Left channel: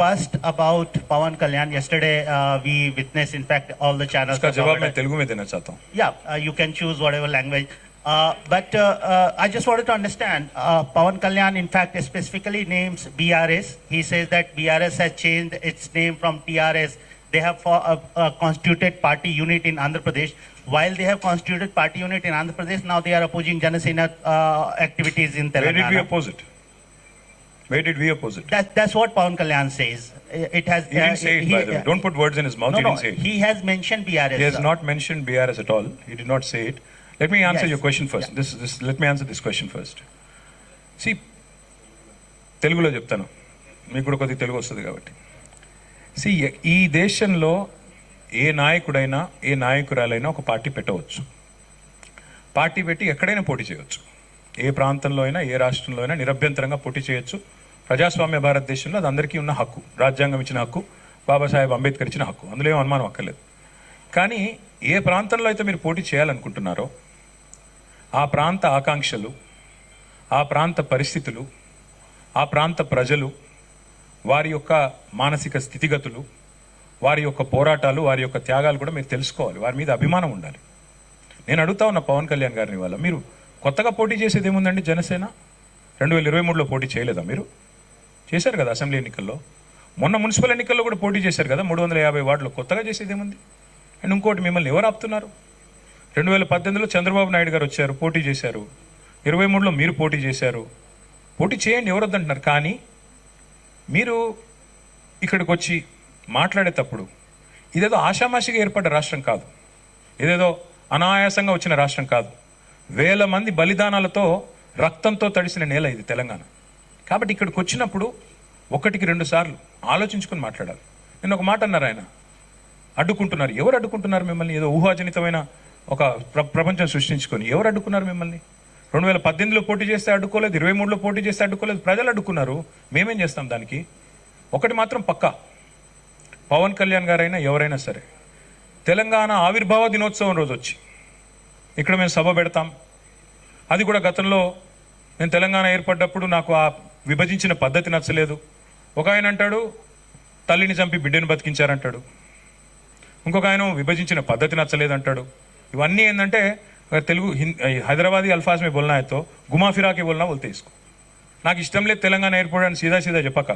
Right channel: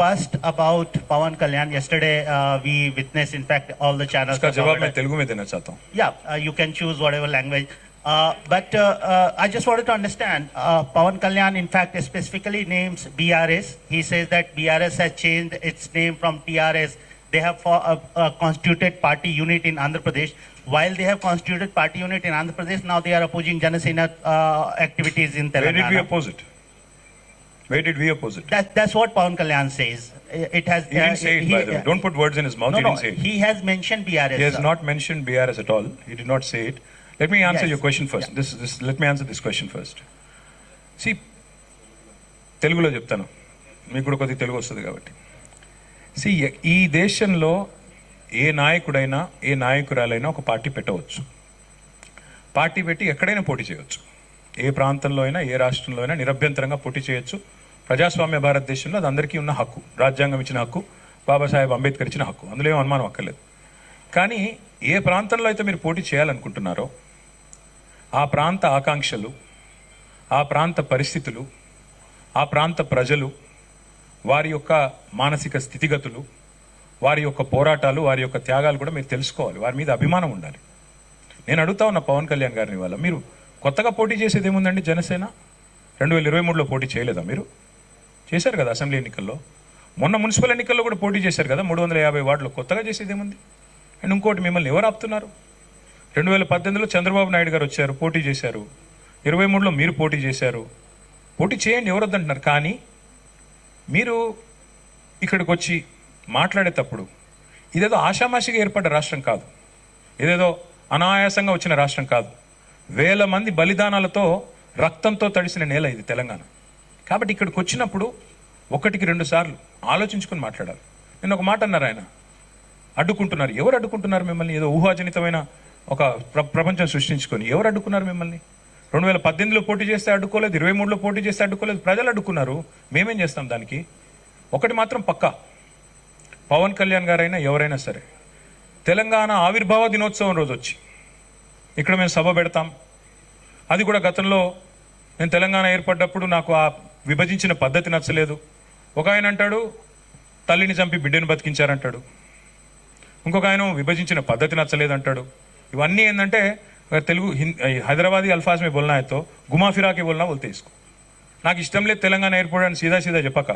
first about Pawan Kalyan. Yesterday we witnessed, in fact, all the channels. इसका जवाब मैं तेलुगु में देना चाहता हूँ. Yeah, you can choose whatever language. But I just wanted to understand, Pawan Kalyan in fact specifically names BRS. He says that BRS has changed its name from TRS. They have constituted party unit in Andhra Pradesh. While they have constituted party unit in Andhra Pradesh, now they are opposing Janasena activities in Telangana. Where did we oppose it? Where did we oppose it? That's what Pawan Kalyan says. It has. He didn't say it, by the way. Don't put words in his mouth. No, He didn't say it. he has mentioned BRS. He has not mentioned BRS at all. He did not say it. Let me answer Yes. your question first. Let me answer this question first. See, తెలుగులో చెప్తాను, మీకు కూడా కొద్దిగా తెలుగు వస్తుంది కాబట్టి. See, ఈ దేశంలో ఏ నాయకుడైనా ఏ నాయకురాలైనా ఒక పార్టీ పెట్టవచ్చు. పార్టీ పెట్టి ఎక్కడైనా పోటీ చేయవచ్చు. ఏ ప్రాంతంలో అయినా ఏ రాష్ట్రంలో అయినా నిరభ్యంతరంగా పోటీ చేయొచ్చు. ప్రజాస్వామ్య భారతదేశంలో అది అందరికీ ఉన్న హక్కు, రాజ్యాంగం ఇచ్చిన హక్కు, బాబాసాహెబ్ అంబేద్కర్ ఇచ్చిన హక్కు, అందులో ఏం అనుమానం అక్కర్లేదు. కానీ ఏ ప్రాంతంలో అయితే మీరు పోటీ చేయాలనుకుంటున్నారో ఆ ప్రాంత ఆకాంక్షలు, ఆ ప్రాంత పరిస్థితులు, ఆ ప్రాంత ప్రజలు, వారి యొక్క మానసిక స్థితిగతులు, వారి యొక్క పోరాటాలు, వారి యొక్క త్యాగాలు కూడా మీరు తెలుసుకోవాలి. వారి మీద అభిమానం ఉండాలి. నేను అడుగుతా ఉన్న పవన్ కళ్యాణ్ గారిని, వాళ్ళ మీరు కొత్తగా పోటీ చేసేది ఏముందండి? జనసేన 2023లో పోటీ చేయలేదా? మీరు చేశారు కదా అసెంబ్లీ ఎన్నికల్లో. మొన్న మున్సిపల్ ఎన్నికల్లో కూడా పోటీ చేశారు కదా 350 వార్డులో. కొత్తగా చేసేది ఏముంది? అండ్ ఇంకోటి, మిమ్మల్ని ఎవరు ఆపుతున్నారు? 2018లో చంద్రబాబు నాయుడు గారు వచ్చారు, పోటీ చేశారు. 23లో మీరు పోటీ చేశారు. పోటీ చేయండి, ఎవరు వద్దంటున్నారు. కానీ మీరు ఇక్కడికి వచ్చి మాట్లాడేటప్పుడు ఇదేదో ఆషామాషిగా ఏర్పడ్డ రాష్ట్రం కాదు, ఇదేదో అనాయాసంగా వచ్చిన రాష్ట్రం కాదు. వేల మంది బలిదానాలతో, రక్తంతో తడిసిన నేల ఇది తెలంగాణ. కాబట్టి ఇక్కడికి వచ్చినప్పుడు 1-2 సార్లు ఆలోచించుకుని మాట్లాడాలి. నేను ఒక మాట అన్నారు, ఆయన అడ్డుకుంటున్నారు. ఎవరు అడ్డుకుంటున్నారు మిమ్మల్ని? ఏదో ఊహాజనితమైన ఒక ప్రపంచం సృష్టించుకొని ఎవరు అడ్డుకున్నారు మిమ్మల్ని? 2018లో పోటీ చేస్తే అడ్డుకోలేదు, 23లో పోటీ చేస్తే అడ్డుకోలేదు, ప్రజలు అడ్డుకున్నారు. మేమేం చేస్తాం దానికి? ఒకటి మాత్రం పక్కా, పవన్ కళ్యాణ్ గారైనా ఎవరైనా సరే తెలంగాణ ఆవిర్భావ దినోత్సవం రోజు వచ్చి ఇక్కడ మేము సభ పెడతాం. అది కూడా గతంలో నేను తెలంగాణ ఏర్పడ్డప్పుడు నాకు ఆ విభజించిన పద్ధతి నచ్చలేదు. ఒక ఆయన అంటాడు తల్లిని చంపి బిడ్డను బతికించారంటాడు, ఇంకొక ఆయన విభజించిన పద్ధతి నచ్చలేదు అంటాడు. ఇవన్నీ ఏంటంటే తెలుగు హైదరాబాదీ అల్ఫాజ్ మే బోల్నా అయితే గుమా ఫిరాకే బోల్నా బోల్తే ఇసుకో. నాకు ఇష్టం లేదు తెలంగాణ ఏర్పడని సీదా చెప్పక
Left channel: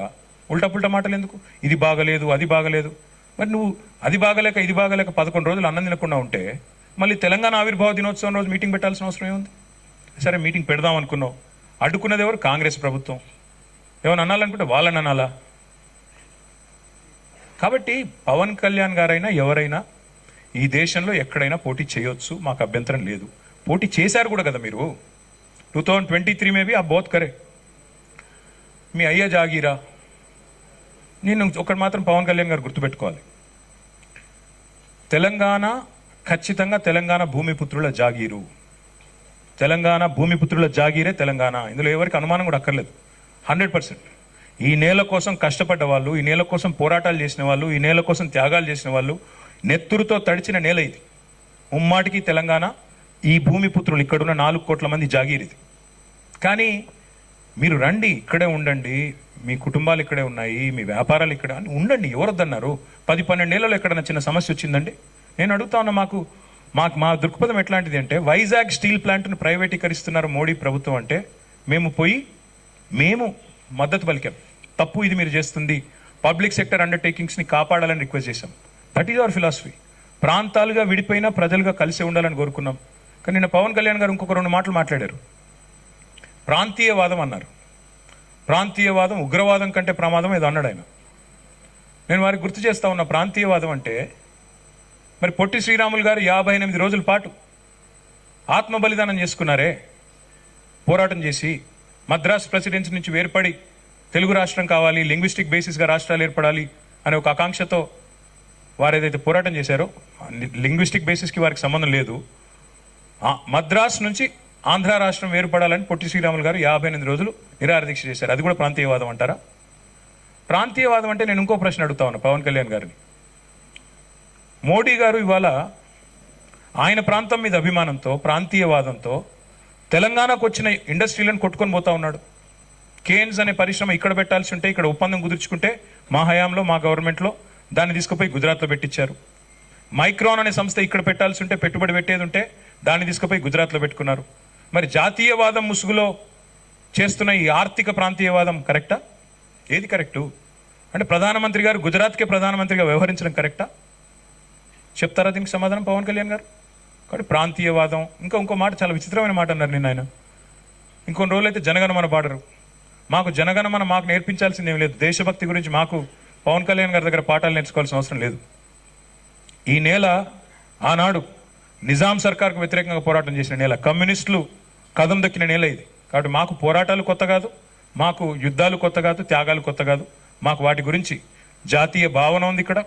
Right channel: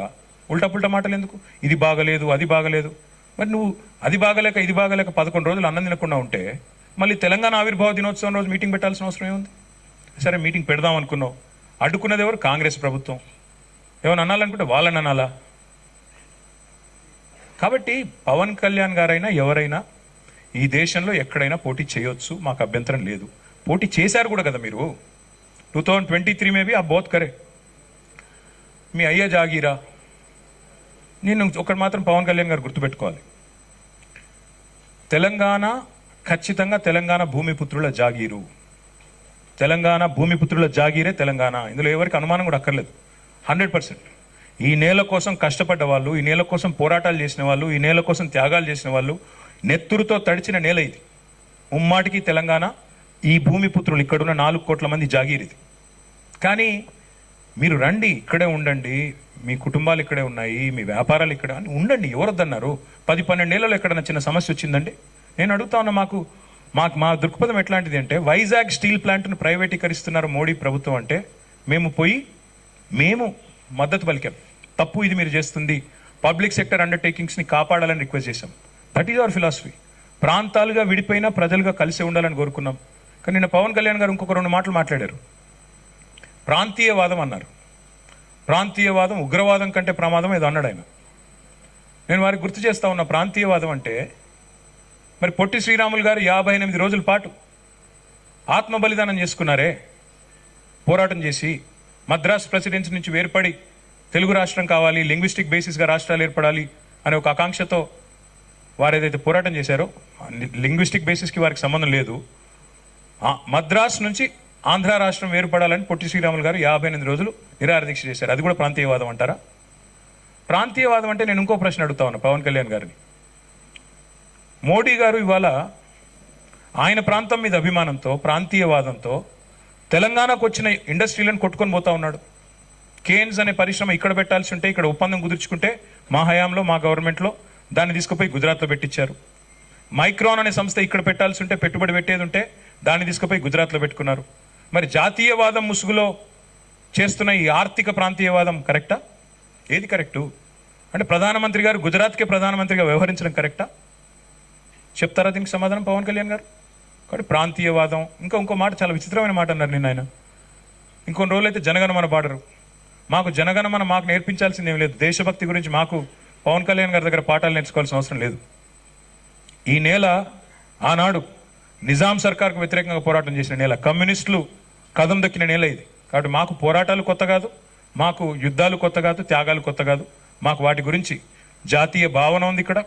ఉల్టా పుల్టా మాటలు ఎందుకు? ఇది బాగలేదు, అది బాగలేదు. మరి నువ్వు అది బాగలేక ఇది బాగలేక 11 రోజులు అన్నం తినకుండా ఉంటే మళ్ళీ తెలంగాణ ఆవిర్భావ దినోత్సవం రోజు మీటింగ్ పెట్టాల్సిన అవసరం ఏముంది? సరే మీటింగ్ పెడదాం అనుకున్నావు, అడ్డుకున్నది ఎవరు? కాంగ్రెస్ ప్రభుత్వం. ఏమైనా అనాలనుకుంటే వాళ్ళని అనాలా? కాబట్టి పవన్ కళ్యాణ్ గారైనా ఎవరైనా ఈ దేశంలో ఎక్కడైనా పోటీ చేయొచ్చు, మాకు అభ్యంతరం లేదు. పోటీ చేశారు కూడా కదా మీరు. 2023 में भी आप बहुत करे. మీ అయ్యా జాగీరా. నేను ఒకటి మాత్రం పవన్ కళ్యాణ్ గారు గుర్తుపెట్టుకోవాలి, తెలంగాణ ఖచ్చితంగా తెలంగాణ భూమిపుత్రుల జాగీరు. తెలంగాణ భూమిపుత్రుల జాగీరే తెలంగాణ. ఇందులో ఎవరికి అనుమానం కూడా అక్కర్లేదు. 100%. ఈ నేల కోసం కష్టపడ్డ వాళ్ళు, ఈ నేల కోసం పోరాటాలు చేసిన వాళ్ళు, ఈ నేల కోసం త్యాగాలు చేసిన వాళ్ళు, నెత్తురుతో తడిచిన నేల ఇది. ముమ్మాటికి తెలంగాణ ఈ భూమిపుత్రులు, ఇక్కడున్న 4 కోట్ల మంది జాగీరిది. కానీ మీరు రండి, ఇక్కడే ఉండండి, మీ కుటుంబాలు ఇక్కడే ఉన్నాయి, మీ వ్యాపారాలు ఇక్కడ ఉండండి, ఎవరొద్దన్నారు? 10-12 ఏళ్లలో ఎక్కడైనా చిన్న సమస్య వచ్చిందండి? నేను అడుగుతా ఉన్నా, మా దృక్పథం ఎట్లాంటిది అంటే, వైజాగ్ స్టీల్ ప్లాంట్ను ప్రైవేటీకరిస్తున్నారు మోడీ ప్రభుత్వం అంటే మేము మద్దతు పలికాం. తప్పు ఇది మీరు చేస్తుంది, పబ్లిక్ సెక్టర్ అండర్టేకింగ్స్ ని కాపాడాలని రిక్వెస్ట్ చేశాం. That is our philosophy. ప్రాంతాలుగా విడిపోయినా ప్రజలుగా కలిసి ఉండాలని కోరుకున్నాం. కానీ నిన్న పవన్ కళ్యాణ్ గారు ఇంకొక 2 మాటలు మాట్లాడారు. ప్రాంతీయవాదం అన్నారు. ప్రాంతీయవాదం ఉగ్రవాదం కంటే ప్రమాదం ఏదో అన్నాడు ఆయన. నేను వారికి గుర్తు చేస్తా ఉన్న, ప్రాంతీయవాదం అంటే మరి పొట్టి శ్రీరాములు గారు 58 రోజుల పాటు ఆత్మ బలిదానం చేసుకున్నారే, పోరాటం చేసి మద్రాస్ ప్రెసిడెన్సీ నుంచి వేర్పడి తెలుగు రాష్ట్రం కావాలి, లింగ్విస్టిక్ బేసిస్ గా రాష్ట్రాలు ఏర్పడాలి అనే ఒక ఆకాంక్షతో వారు ఏదైతే పోరాటం చేశారో, లింగ్విస్టిక్ బేసిస్ కి వారికి సంబంధం లేదు. మద్రాస్ నుంచి ఆంధ్ర రాష్ట్రం ఏర్పడాలని పొట్టి శ్రీరాములు గారు 58 రోజులు నిరాహార దీక్ష చేశారు. అది కూడా ప్రాంతీయవాదం అంటారా? ప్రాంతీయవాదం అంటే నేను ఇంకో ప్రశ్న అడుగుతా ఉన్నా పవన్ కళ్యాణ్ గారిని. మోడీ గారు ఇవాళ ఆయన ప్రాంతం మీద అభిమానంతో, ప్రాంతీయవాదంతో తెలంగాణకు వచ్చిన ఇండస్ట్రీలను కొట్టుకొని పోతా ఉన్నాడు. కేన్స్ అనే పరిశ్రమ ఇక్కడ పెట్టాల్సి ఉంటే ఇక్కడ ఒప్పందం కుదుర్చుకుంటే మా హయాంలో మా గవర్నమెంట్లో దాన్ని తీసుకుపోయి గుజరాత్లో పెట్టించారు. మైక్రాన్ అనే సంస్థ ఇక్కడ పెట్టాల్సి ఉంటే పెట్టుబడి పెట్టేది ఉంటే దాన్ని తీసుకుపోయి గుజరాత్లో పెట్టుకున్నారు. మరి జాతీయవాదం ముసుగులో చేస్తున్న ఈ ఆర్థిక ప్రాంతీయవాదం కరెక్టా? ఏది కరెక్టు? అంటే ప్రధానమంత్రి గారు గుజరాత్కే ప్రధానమంత్రిగా వ్యవహరించడం కరెక్టా? చెప్తారా దీనికి సమాధానం పవన్ కళ్యాణ్ గారు? కాబట్టి ప్రాంతీయవాదం ఇంకో మాట చాలా విచిత్రమైన మాట అన్నారు నిన్న ఆయన. ఇంకొన్ని రోజులు అయితే జనగణమన పాడరు. మాకు జనగణమన మాకు నేర్పించాల్సింది ఏం లేదు. దేశభక్తి గురించి మాకు పవన్ కళ్యాణ్ గారి దగ్గర పాఠాలు నేర్చుకోవాల్సిన అవసరం లేదు. ఈ నేల ఆనాడు నిజాం సర్కార్కు వ్యతిరేకంగా పోరాటం చేసిన నేల, కమ్యూనిస్టులు కదం దక్కిన నేల ఇది. కాబట్టి మాకు పోరాటాలు కొత్త కాదు, మాకు యుద్ధాలు కొత్త కాదు, త్యాగాలు కొత్త కాదు. మాకు వాటి గురించి జాతీయ భావన ఉంది. ఇక్కడ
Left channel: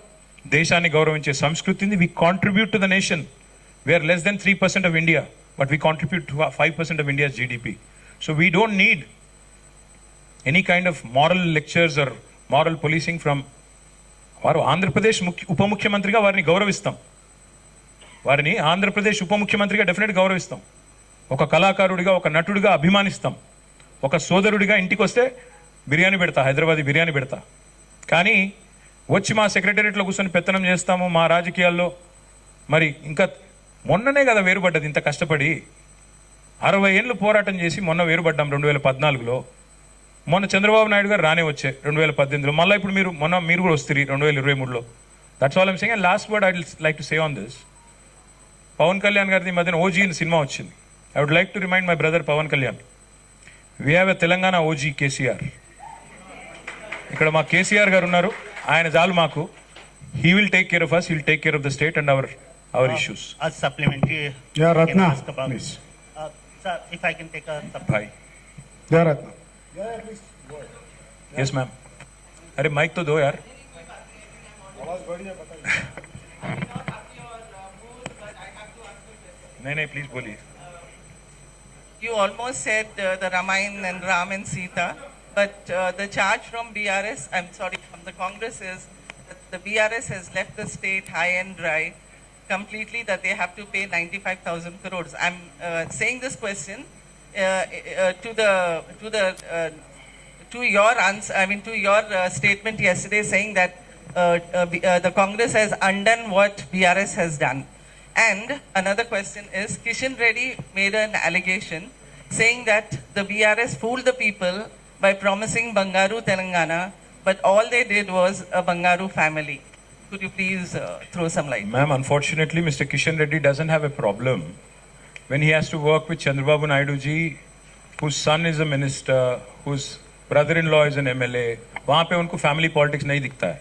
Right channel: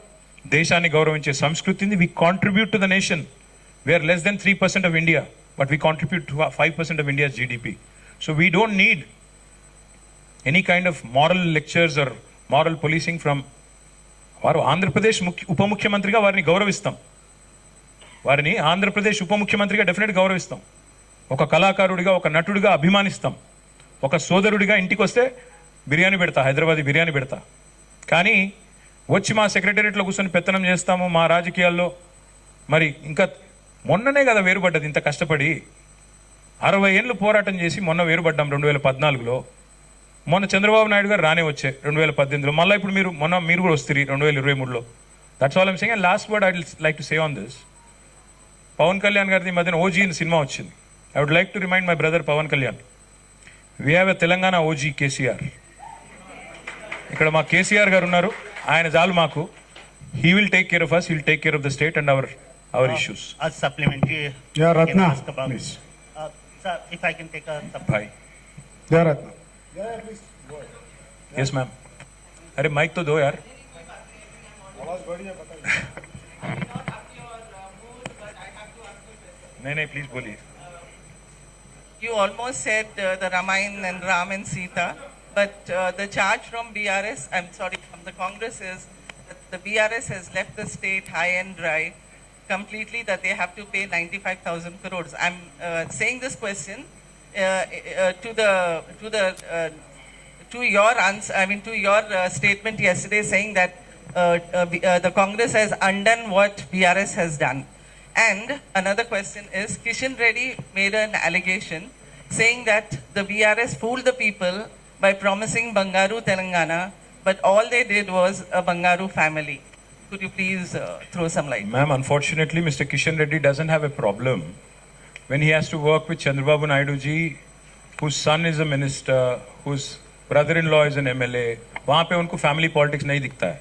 దేశాన్ని గౌరవించే సంస్కృతి ఉంది. We contribute to the nation. We are less than 3% of India, but we contribute to 5% of India's GDP. So we don't need any kind of moral lectures or moral policing from వారు ఆంధ్రప్రదేశ్ ఉప ముఖ్యమంత్రిగా వారిని గౌరవిస్తాం. వారిని ఆంధ్రప్రదేశ్ ఉప ముఖ్యమంత్రిగా డెఫినెట్ గౌరవిస్తాం. ఒక కళాకారుడిగా, ఒక నటుడిగా అభిమానిస్తాం. ఒక సోదరుడిగా ఇంటికి వస్తే బిర్యానీ పెడతా, హైదరాబాదీ బిర్యానీ పెడతా. కానీ వచ్చి మా సెక్రటేరియట్లో కూర్చొని పెత్తనం చేస్తాము మా రాజకీయాల్లో. మరి ఇంకా మొన్ననే కదా వేరుపడ్డది. ఇంత కష్టపడి 60 ఏళ్ళు పోరాటం చేసి మొన్న వేరుపడ్డాం 2014లో. మొన్న చంద్రబాబు నాయుడు గారు రానే వచ్చాయి 2018లో. మళ్ళీ ఇప్పుడు మీరు కూడా వస్తారు 2023లో. That's all I'm saying. And last word I would like to say on this. Pawan Kalyan గారిది మధ్యన ఓజీ అని సినిమా వచ్చింది. I would like to remind my brother Pawan Kalyan, we have a Telangana OG KCR. ఇక్కడ మా కేసీఆర్ గారు ఉన్నారు. ఆయన చాలు మాకు. He will take care of us, he will take care of the state and our issues. A supplementary. Yeah, I can Ratna, ask about. please. Sir, if I can take a Bhai. Yeah, Ratna. Yes, ma'am. अरे mic तो दो यार. नहीं please बोलिए. You almost said the Ramayana and Ram and Sita, but the charge from BRS, from the Congress is that the BRS has left the state high and dry completely, that they have to pay 95,000 crores. I'm saying this question to your answer. I mean, to your statement yesterday, saying that the Congress has undone what BRS has done. And another question is, Kishan Reddy made an allegation saying that the BRS fooled the people by promising Bangaru Telangana, but all they did was a Bangaru family. Could you please throw some light? Ma'am, unfortunately, Mr. Kishan Reddy doesn't have a problem when he has to work with Chandrababu Naidu ji, whose son is a minister, whose brother-in-law is an MLA. वहाँ पे उनको family politics नहीं दिखता है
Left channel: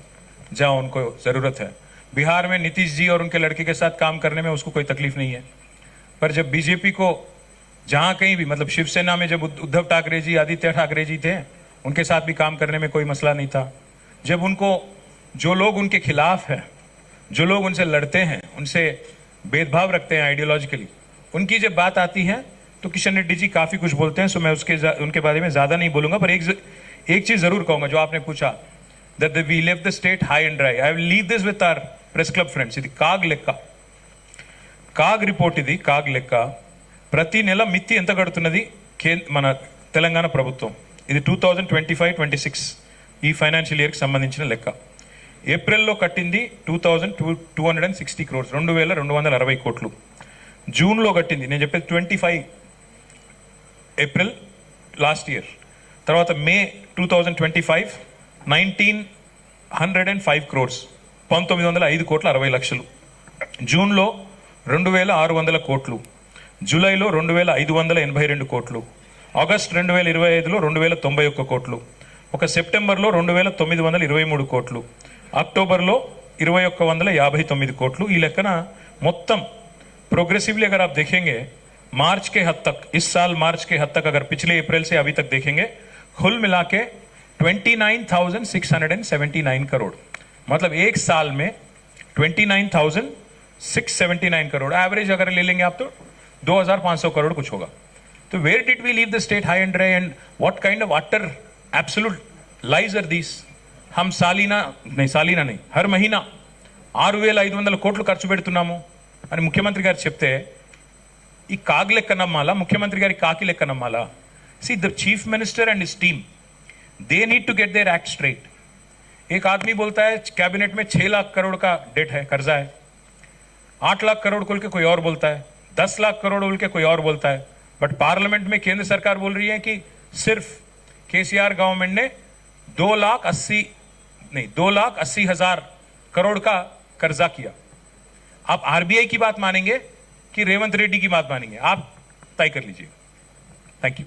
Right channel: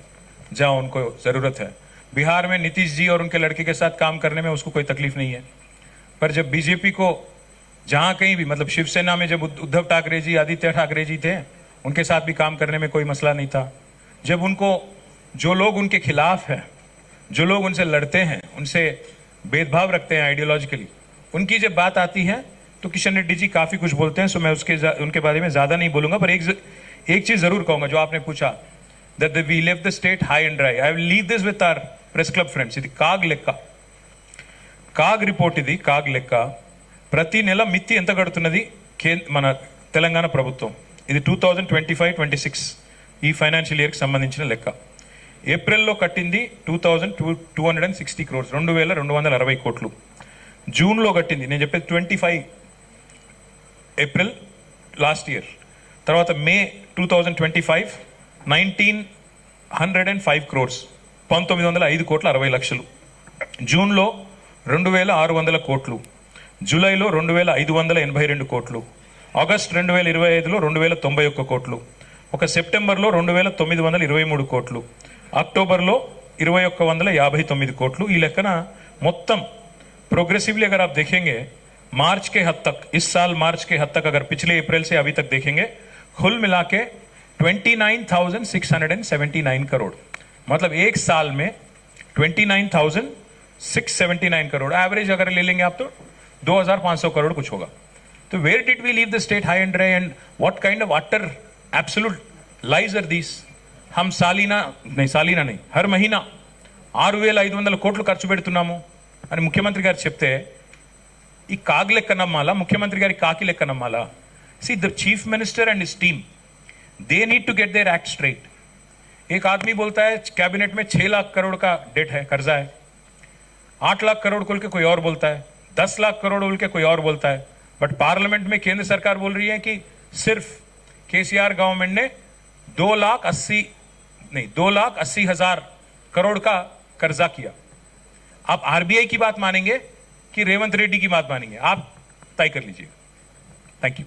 जहाँ उनको जरूरत है. बिहार में नीतीश जी और उनके लड़के के साथ काम करने में उसको कोई तकलीफ नहीं है. पर जब बीजेपी को जहाँ कहीं भी, मतलब शिवसेना में जब उद्धव ठाकरे जी, आदित्य ठाकरे जी थे, उनके साथ भी काम करने में कोई मसला नहीं था. जब उनको जो लोग उनके खिलाफ हैं, जो लोग उनसे लड़ते हैं, उनसे भेदभाव रखते हैं आइडियोलॉजिकली, उनकी जब बात आती है तो किशन रेड्डी जी काफी कुछ बोलते हैं. सो मैं उनके बारे में ज्यादा नहीं बोलूंगा. पर एक चीज जरूर कहूंगा जो आपने पूछा, that we left the state high and dry. I will leave this with our press club friends. ఇది కాగ్ రిపోర్ట్. ఇది కాగ్ లెక్క. ప్రతి నెల మిత్తి ఎంత కడుతున్నది మన తెలంగాణ ప్రభుత్వం. ఇది 2025-26 ఈ ఫైనాన్షియల్ ఇయర్ కి సంబంధించిన లెక్క. ఏప్రిల్లో కట్టింది 2260 crores, 2260 కోట్లు. జూన్లో కట్టింది, నేను చెప్పేది 25 ఏప్రిల్ లాస్ట్ ఇయర్. తర్వాత మే 2025 1905 crores, 1905 కోట్ల 60 లక్షలు. జూన్లో 2600 కోట్లు. జూలైలో 2582 కోట్లు. ఆగస్ట్ 2025లో 2091 కోట్లు. ఒక సెప్టెంబర్లో 2923 కోట్లు. అక్టోబర్లో 2159 కోట్లు. ఈ లెక్కన మొత్తం प्रोग्रेसिवली अगर आप देखेंगे मार्च के हद तक, इस साल मार्च के हद तक, अगर पिछले अप्रैल से अभी तक देखेंगे, कुल मिला के 29,679 करोड़. मतलब एक साल में 29,679 करोड़ एवरेज अगर ले लेंगे आप तो 2,500 करोड़ कुछ होगा. तो where did we leave the state high and dry and what kind of utter absolute lies are these? हम सालीना नहीं हर महीना 6,500 కోట్లు ఖర్చు పెడుతున్నాము అని ముఖ్యమంత్రి గారు చెప్తే ఈ కాగ్ లెక్క నమ్మాలా, ముఖ్యమంత్రి గారి కాకి లెక్క నమ్మాలా? See the chief minister and his team they need to get their act straight. एक आदमी बोलता है कैबिनेट में 6 लाख करोड़ का डेट है, कर्जा है, 8 लाख करोड़ बोल के कोई और बोलता है, 10 लाख करोड़ बोल के कोई और बोलता है, बट पार्लियामेंट में केंद्र सरकार बोल रही है कि सिर्फ केसीआर गवर्नमेंट ने 2,80,000 करोड़ का कर्जा किया। आप आरबीआई की बात मानेंगे कि रेवंत रेड्डी की बात मानेंगे, आप तय कर लीजिएगा। Thank you.